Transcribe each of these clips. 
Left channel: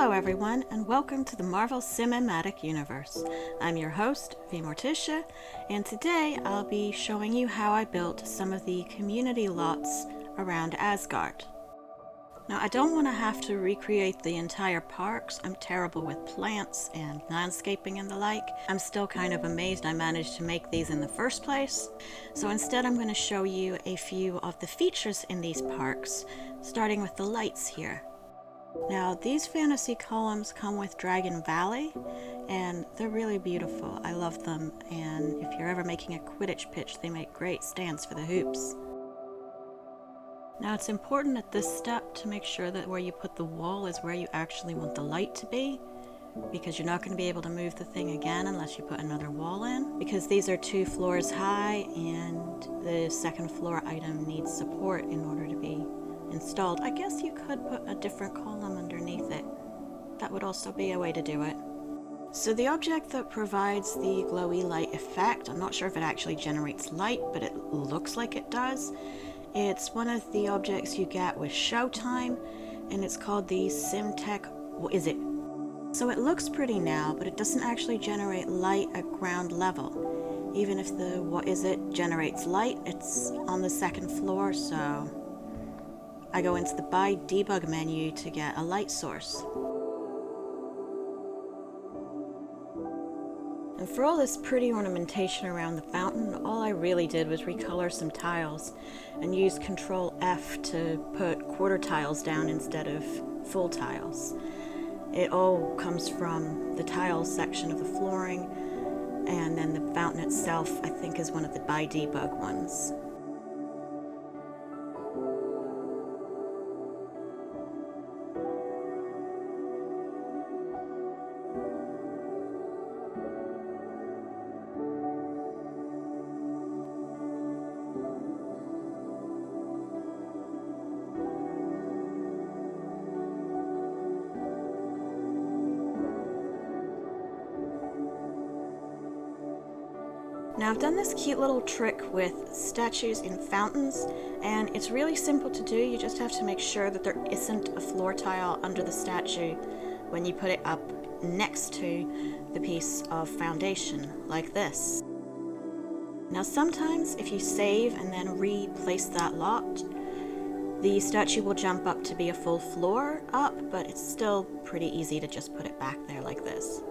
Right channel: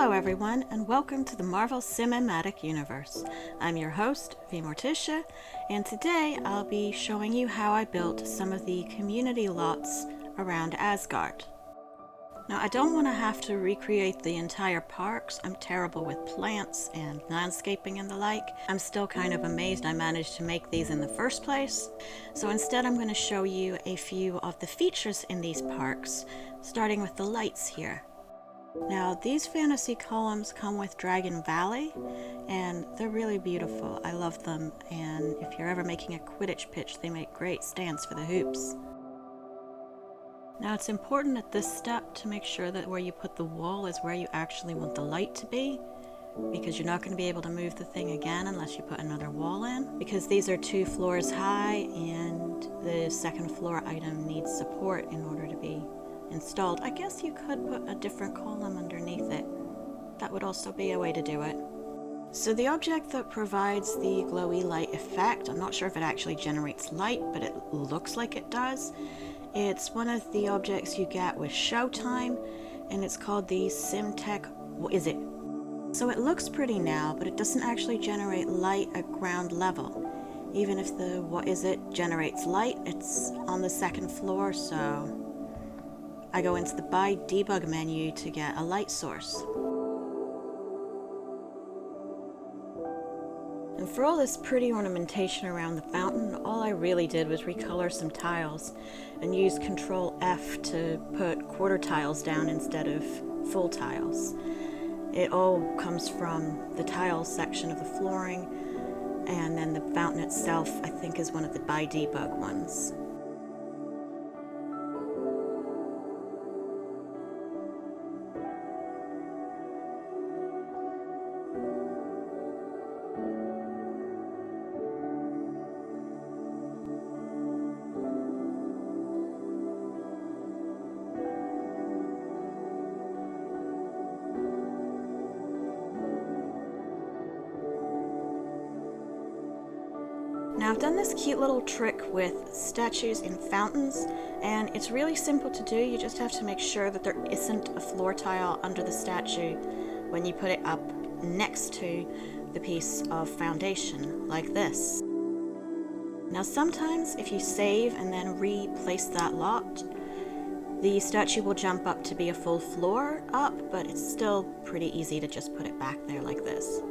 Hello everyone, and welcome to the Marvel Cinematic Universe. I'm your host, V Morticia, and today I'll be showing you how I built some of the community lots around Asgard. Now, I don't want to have to recreate the entire parks. I'm terrible with plants and landscaping and the like. I'm still kind of amazed I managed to make these in the first place. So instead I'm going to show you a few of the features in these parks, starting with the lights here. Now, these fantasy columns come with Dragon Valley, and they're really beautiful. I love them, and if you're ever making a Quidditch pitch, they make great stands for the hoops. Now, it's important at this step to make sure that where you put the wall is where you actually want the light to be, because you're not going to be able to move the thing again unless you put another wall in, because these are 2 floors high, and the second floor item needs support in order to be installed. I guess you could put a different column underneath it. That would also be a way to do it. So the object that provides the glowy light effect, I'm not sure if it actually generates light, but it looks like it does. It's one of the objects you get with Showtime, and it's called the siMCU. What is it? So it looks pretty now, but it doesn't actually generate light at ground level. Even if the what is it generates light, it's on the second floor, so I go into the Buy Debug menu to get a light source. And for all this pretty ornamentation around the fountain, all I really did was recolor some tiles and use Control F to put quarter tiles down instead of full tiles. It all comes from the tiles section of the flooring, and then the fountain itself I think is one of the Buy Debug ones. Now, I've done this cute little trick with statues in fountains, and it's really simple to do. You just have to make sure that there isn't a floor tile under the statue when you put it up next to the piece of foundation, like this. Now, sometimes if you save and then replace that lot, the statue will jump up to be a full floor up, but it's still pretty easy to just put it back there like this.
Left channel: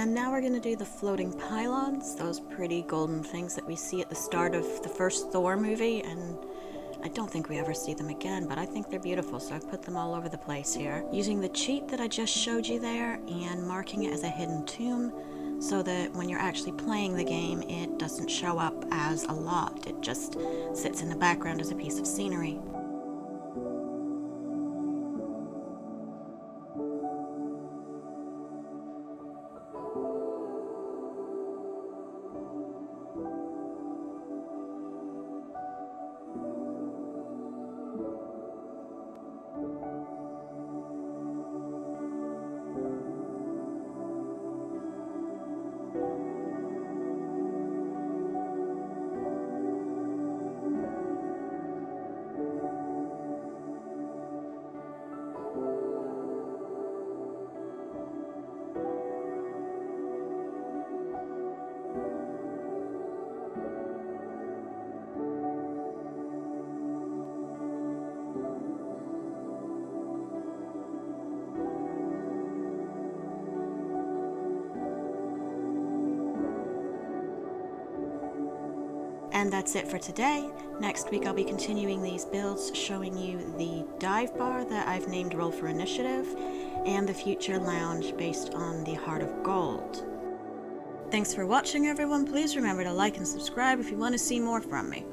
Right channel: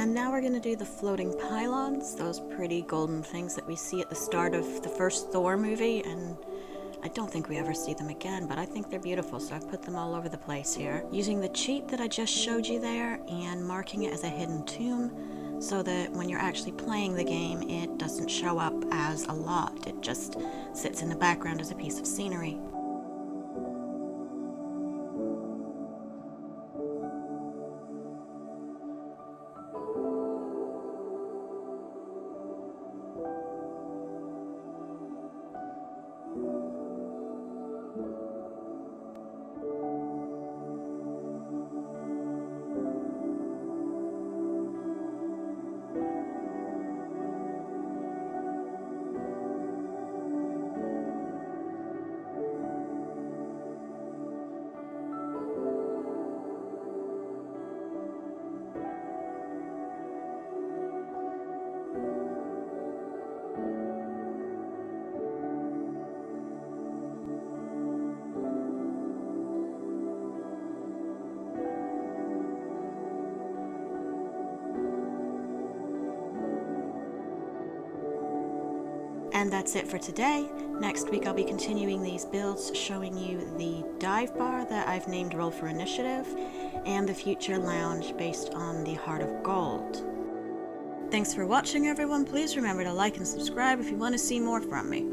And now we're going to do the floating pylons, those pretty golden things that we see at the start of the first Thor movie, and I don't think we ever see them again, but I think they're beautiful, so I've put them all over the place here. Using the cheat that I just showed you there and marking it as a hidden tomb so that when you're actually playing the game, it doesn't show up as a lot. It just sits in the background as a piece of scenery. And that's it for today. Next week I'll be continuing these builds, showing you the dive bar that I've named Roll for Initiative, and the future lounge based on the Heart of Gold. Thanks for watching, everyone. Please remember to like and subscribe if you want to see more from me.